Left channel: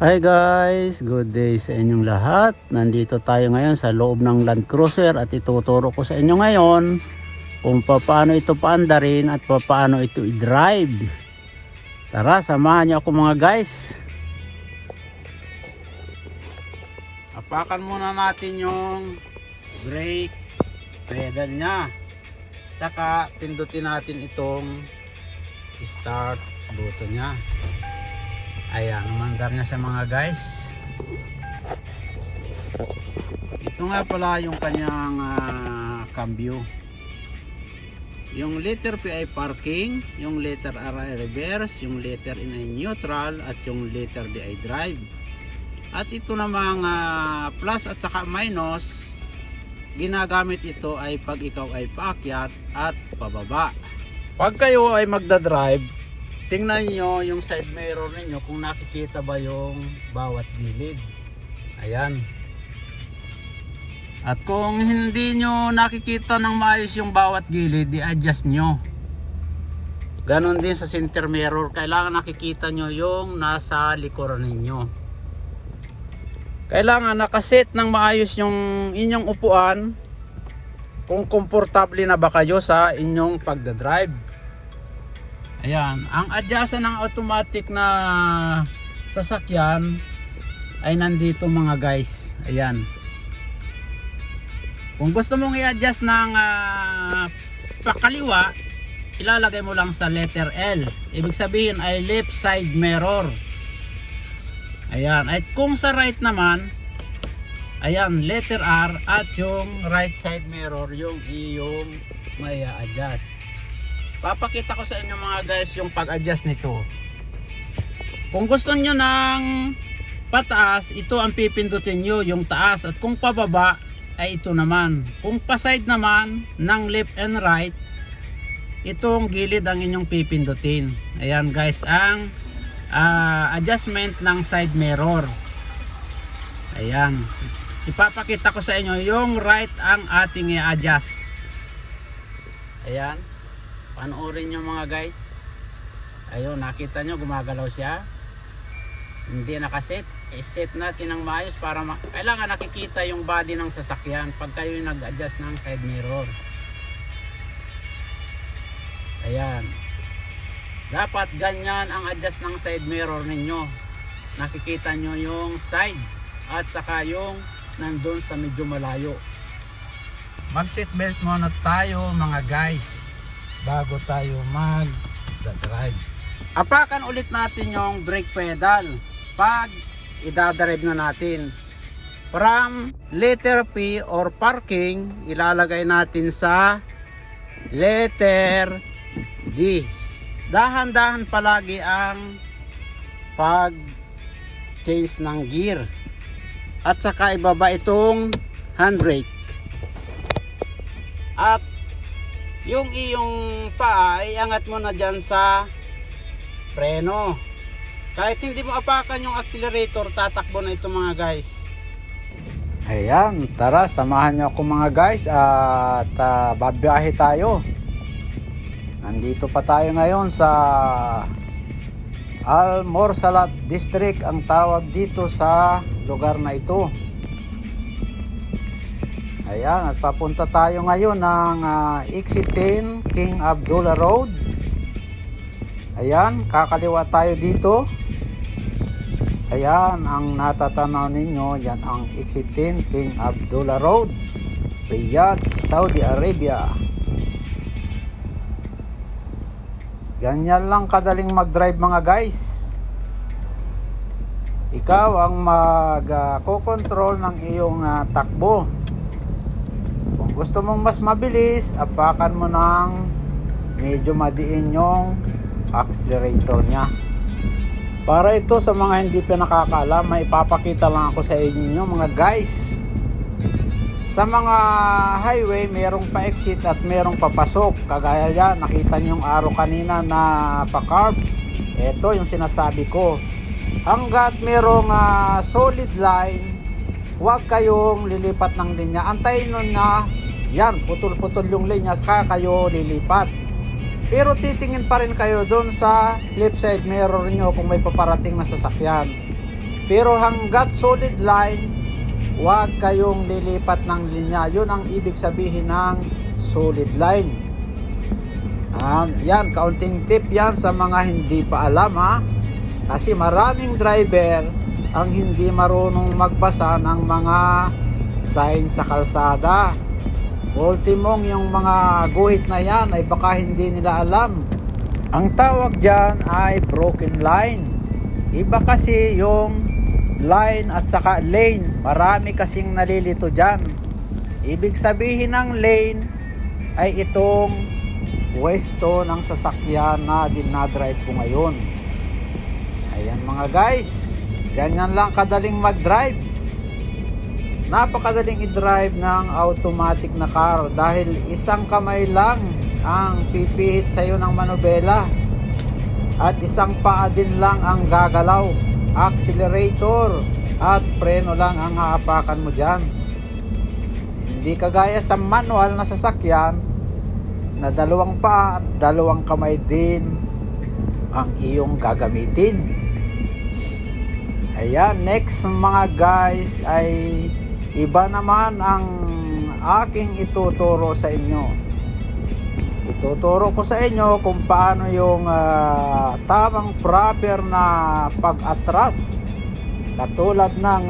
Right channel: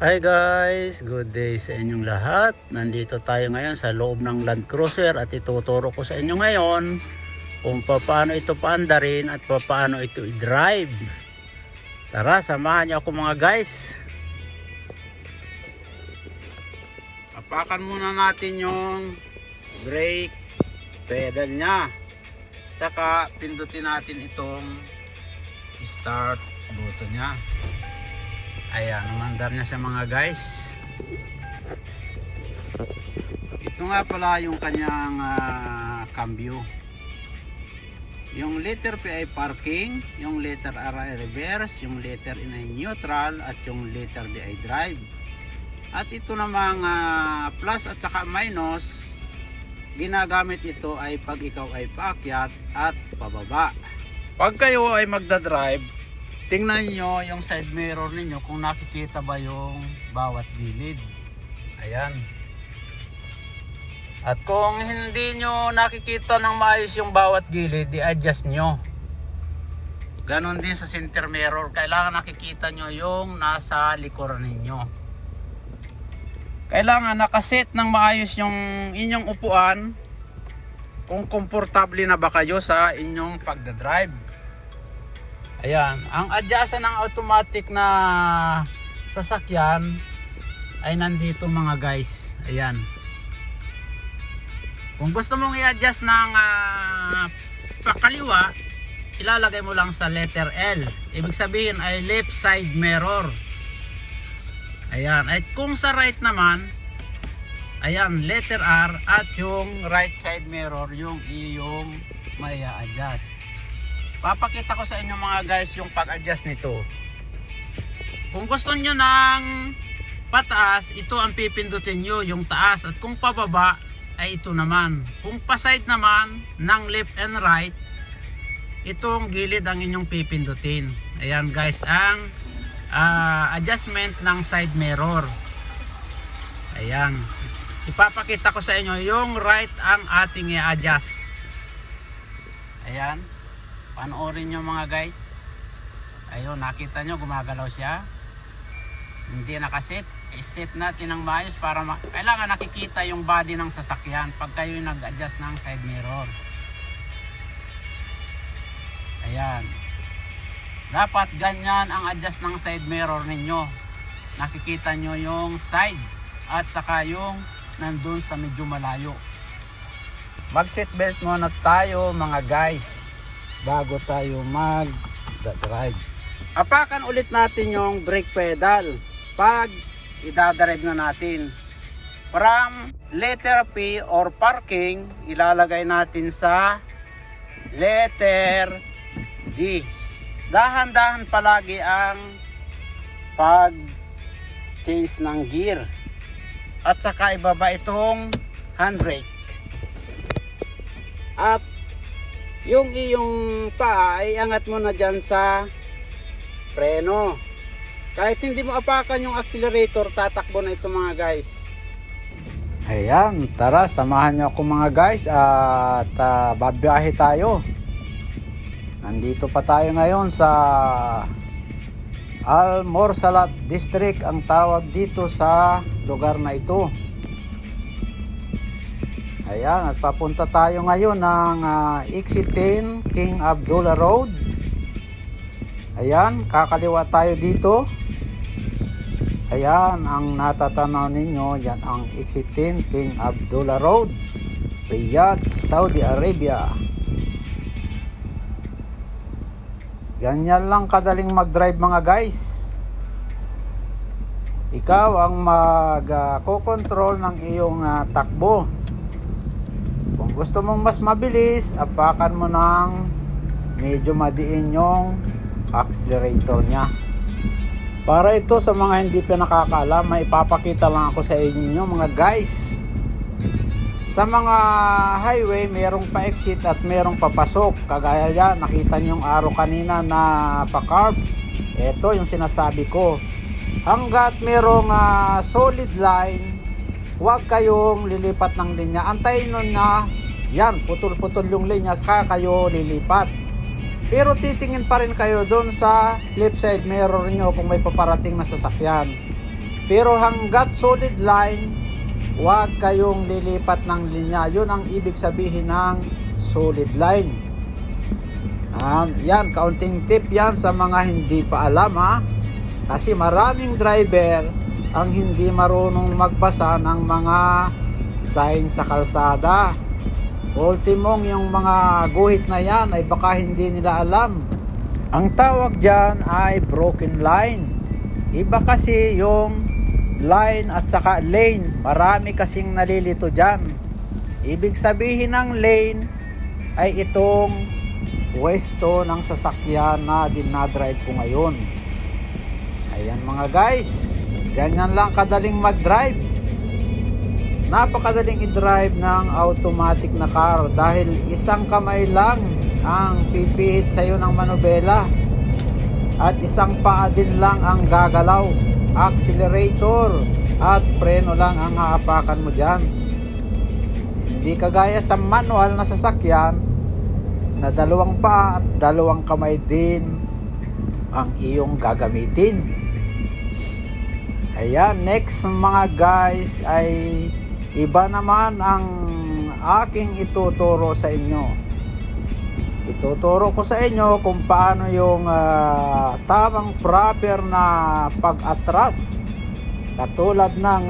Hi guys, good day sa inyong lahat. Nandito tayo ngayon sa loob ng Land Cruiser at ituturo ko sa inyo ngayon kung paano ito paandarin at paano ito i-drive. Tara, samahan niyo ako mga guys. Apakan muna natin yung brake pedal nya. Saka pindutin natin itong start button nya. Ayan, umandar niya sa mga guys. Ito nga pala yung kanyang cambio. Yung letter P ay parking, yung letter R ay reverse, yung letter N ay neutral, at yung letter D ay drive. At ito namang plus at saka minus, ginagamit ito ay pag ikaw ay paakyat at pababa. Pag kayo ay magdadrive, tingnan nyo yung side mirror ninyo kung nakikita ba yung bawat gilid. Ayan. At kung hindi nyo nakikita ng maayos yung bawat gilid, i-adjust nyo. Ganon din sa center mirror. Kailangan nakikita nyo yung nasa likuran ninyo. Kailangan nakaset ng maayos yung inyong upuan kung komportable na ba kayo sa inyong pagdadrive. Ayan, ang adjustan ng automatic na sasakyan ay nandito mga guys. Ayan. Kung gusto mong i-adjust ng pakaliwa, ilalagay mo lang sa letter L. Ibig sabihin ay left side mirror. Ayan, at kung sa right naman, ayan, letter R, at yung right side mirror yung iyong may adjust. Papakita ko sa inyo mga guys yung pag-adjust nito. Kung gusto nyo ng pataas, ito ang pipindutin nyo, yung taas. At kung pababa, ay ito naman. Kung pa-side naman, ng left and right, itong gilid ang inyong pipindutin. Ayan guys, ang adjustment ng side mirror. Ayan. Ipapakita ko sa inyo yung right ang ating i-adjust. Ayan. Panoorin nyo mga guys. Ayun, nakita nyo gumagalaw siya. Hindi nakaset. I-set natin ng maayos para kailangan nakikita yung body ng sasakyan pag kayo nag-adjust ng side mirror. Ayan. Dapat ganyan ang adjust ng side mirror ninyo. Nakikita nyo yung side at saka yung nandun sa medyo malayo. Mag seat belt muna tayo mga guys bago tayo mag-drive. Apakan ulit natin yung brake pedal pag i-drive na natin. From letter P or parking, ilalagay natin sa letter D. Dahan-dahan palagi ang pag change ng gear. At saka ibaba itong handbrake. At yung iyong paa ay angat mo na dyan sa preno. Kahit hindi mo apakan yung accelerator, tatakbo na ito mga guys. Ayan, tara samahan niyo ako mga guys at babiyahe tayo. Nandito pa tayo ngayon sa Al-Morsalat District ang tawag dito sa lugar na ito. Ayan, at papunta tayo ngayon ng exit 10 King Abdullah Road. Ayan, kakaliwa tayo dito. Ayan, ang natatanaw ninyo, yan ang exit 10 King Abdullah Road, Riyadh, Saudi Arabia. Ganyan lang kadaling mag-drive mga guys. Ikaw ang mag-control ng iyong takbo. Kung gusto mong mas mabilis, apakan mo ng medyo madiin yung accelerator nya. Para ito sa mga hindi pa nakakaalam, may ipapakita lang ako sa inyo mga guys. Sa mga highway, merong pa-exit at merong papasok. Kagaya yan, nakita nyo yung arrow kanina na pa-curve. Ito yung sinasabi ko. Hanggat merong solid line, huwag kayong lilipat ng linya. Antayin nyo na yan, putol-putol yung linya, saka kayo lilipat. Pero titingin pa rin kayo doon sa left side mirror nyo kung may paparating na sasakyan. Pero hanggat solid line, huwag kayong lilipat ng linya. Yun ang ibig sabihin ng solid line. Yan, kaunting tip yan sa mga hindi pa alam ha. Kasi maraming driver ang hindi marunong magbasa ng mga sign sa kalsada. Ultimong yung mga guhit na yan ay baka hindi nila alam. Ang tawag dyan ay broken line. Iba kasi yung line at saka lane. Marami kasing nalilito dyan. Ibig sabihin ng lane ay itong pwesto ng sasakyan na dinadrive ko ngayon. Ayan mga guys, ganyan lang kadaling mag-drive. Napakadaling i-drive ng automatic na car dahil isang kamay lang ang pipihit sa'yo ng manubela at isang paa din lang ang gagalaw. Accelerator at preno lang ang haapakan mo dyan. Hindi kagaya sa manual na sasakyan na dalawang paa at dalawang kamay din ang iyong gagamitin. Ayan, next mga guys ay iba naman ang aking ituturo sa inyo. Ituturo ko sa inyo kung paano yung tamang proper na pag-atras katulad ng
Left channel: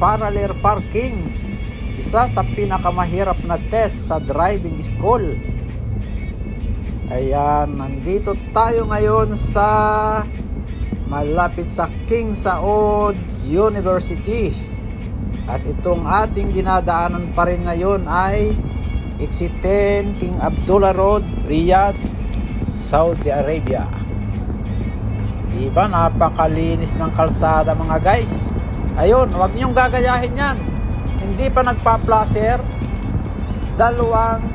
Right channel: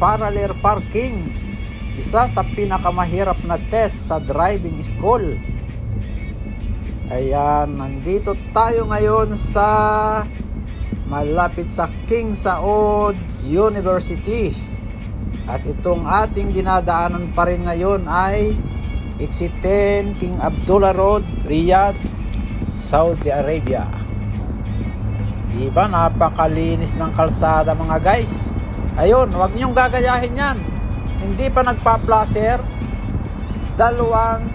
parallel parking, isa sa pinakamahirap na test sa driving school. Ayan, nandito tayo ngayon sa malapit sa King Saud University at itong ating dinadaanan pa rin ngayon ay Exit 10 King Abdullah Road, Riyadh, Saudi Arabia. Diba napakalinis ng kalsada mga guys. Ayun, huwag niyong gagayahin yan. Hindi pa nagpa-placer. Dalawang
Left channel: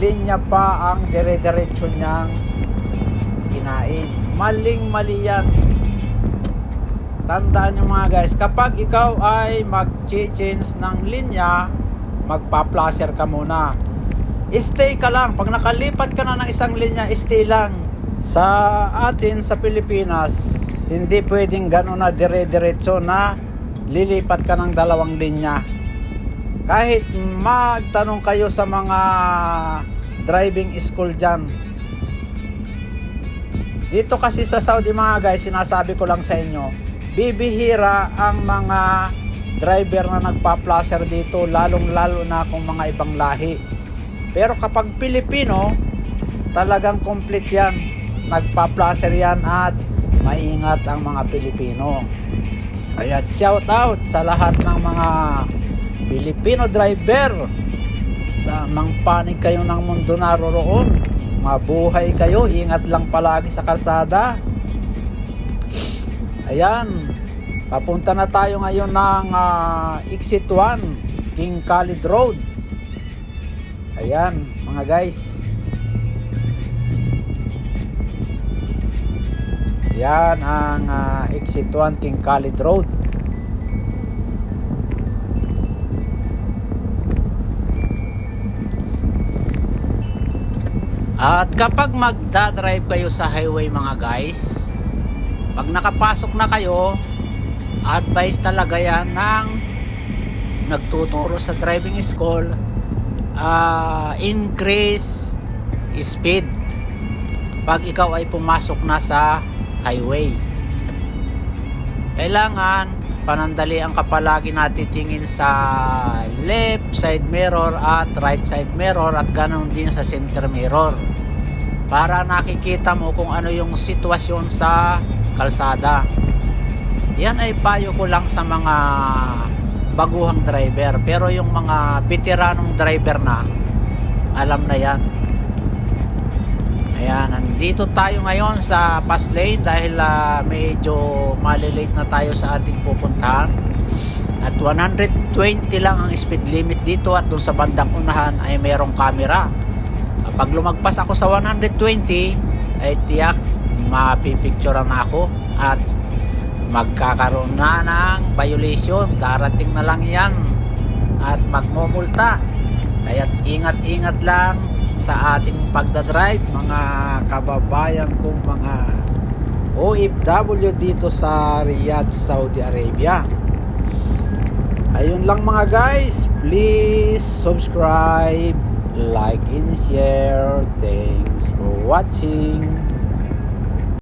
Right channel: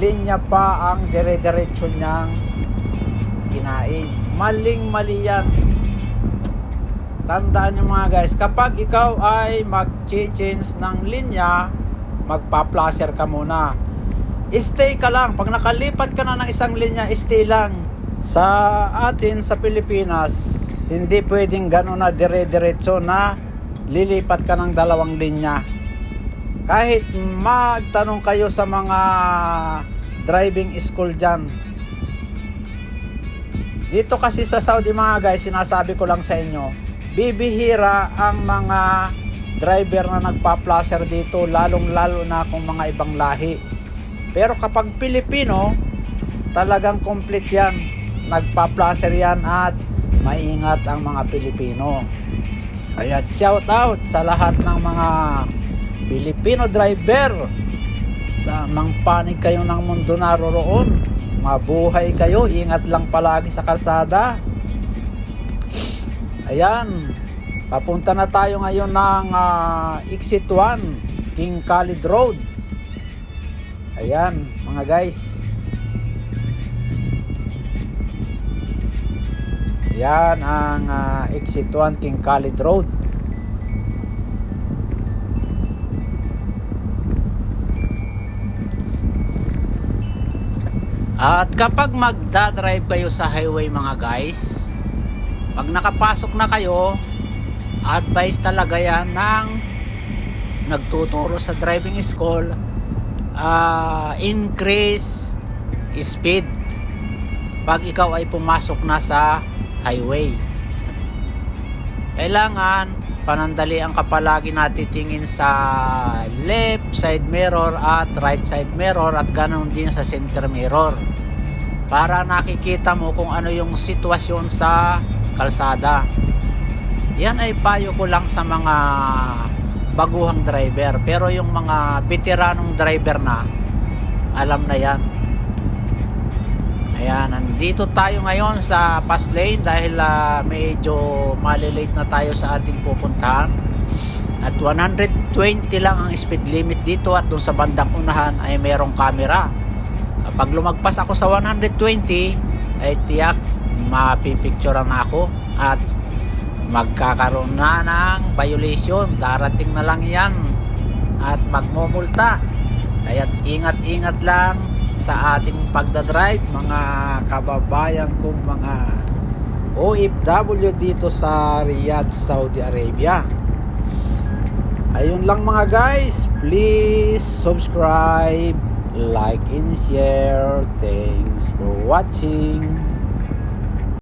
linya pa ang dire-diretso niyang kinain. Maling-mali yan. Tandaan nyo mga guys, kapag ikaw ay mag-change ng linya, magpa-placer ka muna. Stay ka lang. Pag nakalipat ka na ng isang linya, stay lang. Sa atin sa Pilipinas, hindi pwedeng gano'n na dire-diretso na lilipat ka ng dalawang linya. Kahit magtanong kayo sa mga driving school dyan. Dito kasi sa Saudi mga guys, sinasabi ko lang sa inyo, bibihira ang mga driver na nagpa-placer dito, lalong-lalo na kung mga ibang lahi. Pero kapag Pilipino, talagang complete yan. Nagpa-placer yan at maingat ang mga Pilipino. Kaya shout out sa lahat ng mga Pilipino driver. Sa mang panig kayo ng mundo naroroon, mabuhay kayo, ingat lang palagi sa kalsada. Ayan, papunta na tayo ngayon ng Exit 1 King Khalid Road. Ayan mga guys, yan ang Exit 1 King Khalid Road. At kapag magdadrive kayo sa highway mga guys, pag nakapasok na kayo, advice talaga yan ng nagtuturo sa driving school, increase speed pag ikaw ay pumasok na sa highway. Kailangan panandalian ka palagi na titingin sa left side mirror at right side mirror at ganoon din sa center mirror para nakikita mo kung ano yung sitwasyon sa kalsada. Yan ay payo ko lang sa mga baguhang driver, pero yung mga veteranong driver na alam na yan. Ayan, nandito tayo ngayon sa fast lane dahil medyo malilate na tayo sa ating pupuntahan. At 120 lang ang speed limit dito at dun sa bandang unahan ay merong camera. Kapag lumagpas ako sa 120 ay tiyak mapipicturean na ako at magkakaroon na ng violation. Darating na lang yan at magmumulta. Kaya ingat-ingat lang sa ating pagdadrive mga kababayan kong mga OFW dito sa Riyadh, Saudi Arabia. Ayun lang mga guys, please subscribe, like and share. Thanks for watching.